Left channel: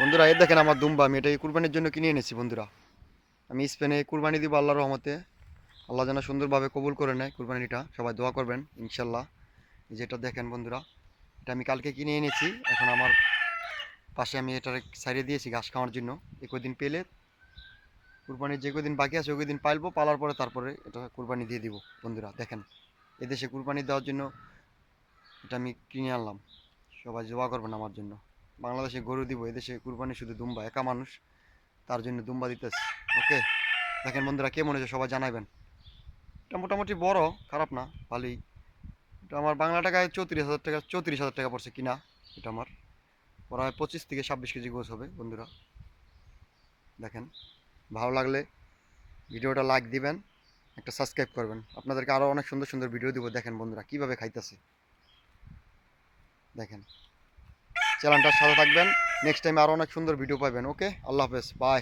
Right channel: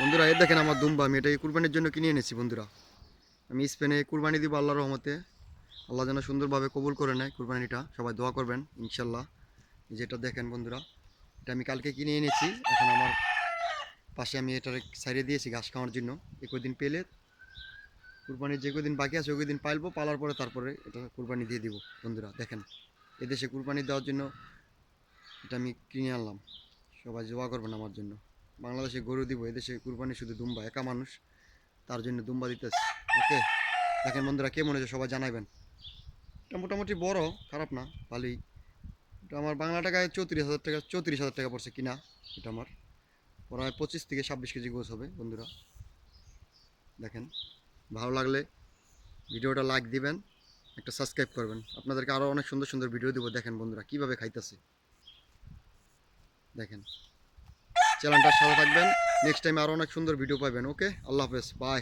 বন্ধুরা এই দেখেন আমার দুম্বা, আমি এটা কুরবানির জন্য কিনে এনেছি বন্ধুরা। আমি স্পেনে কুরবানি দিব আল্লাহর রহমতে। আল্লাহ যেন সুন্দরভাবে কবুল করে নেয় কুরবানিটা, সবাই দোয়া করবেন ইনশাল্লাহ। যেটা দেখেন বন্ধুরা, এটা আমি কালকে কিনে এনেছি। এখন আমার পাশে আমি এটার সাইডে দিয়েছি ঘাস খাওয়ার জন্য। এই কদিন পেলে কুরবানির যে কদিন বাকি আছে ওই কদিন পালবো, পালার পরে তারপরে এটা কুরবানি দিয়ে দিব বন্ধুরা। দেখেন এদেশে কুরবানি দেওয়ার জন্য এটা আমি কিনে আনলাম, সবাই দোয়া করবেন আমার জন্য। বাংলাদেশে গরু দিব, এদেশে কুরবানি শুধু দুম্বা, একা মানুষ, তার জন্য দুম্বা দিতেছি। ওকে, দেখেন বন্ধুরা কেমন হয়েছে সবাই জানাবেন। এটা মোটামুটি বড়, খারাপ না, ভালোই। এটা আমার বাংলা টাকায় 34,000 টাকা, 34,000 টাকা পড়ছে কিনা। এটা আমার প্রায় 25 থেকে 26 কেজি গোছ হবে বন্ধুরা। দেখেন, ভালো লাগলে ভিডিওটা লাইক দিবেন, একটা সাবস্ক্রাইব করবেন। আপনাদেরকে আরও অনেক সুন্দর সুন্দর ভিডিও দিব। দেখেন বন্ধুরা কীভাবে খাইতেছে, দেখেন। চ্যানেলটার সাথে থাকবেন, নেক্সট টাইম আরও অনেক সুন্দর ভিডিও পাবেন। ওকে, আল্লাহ হাফেজ, বাই।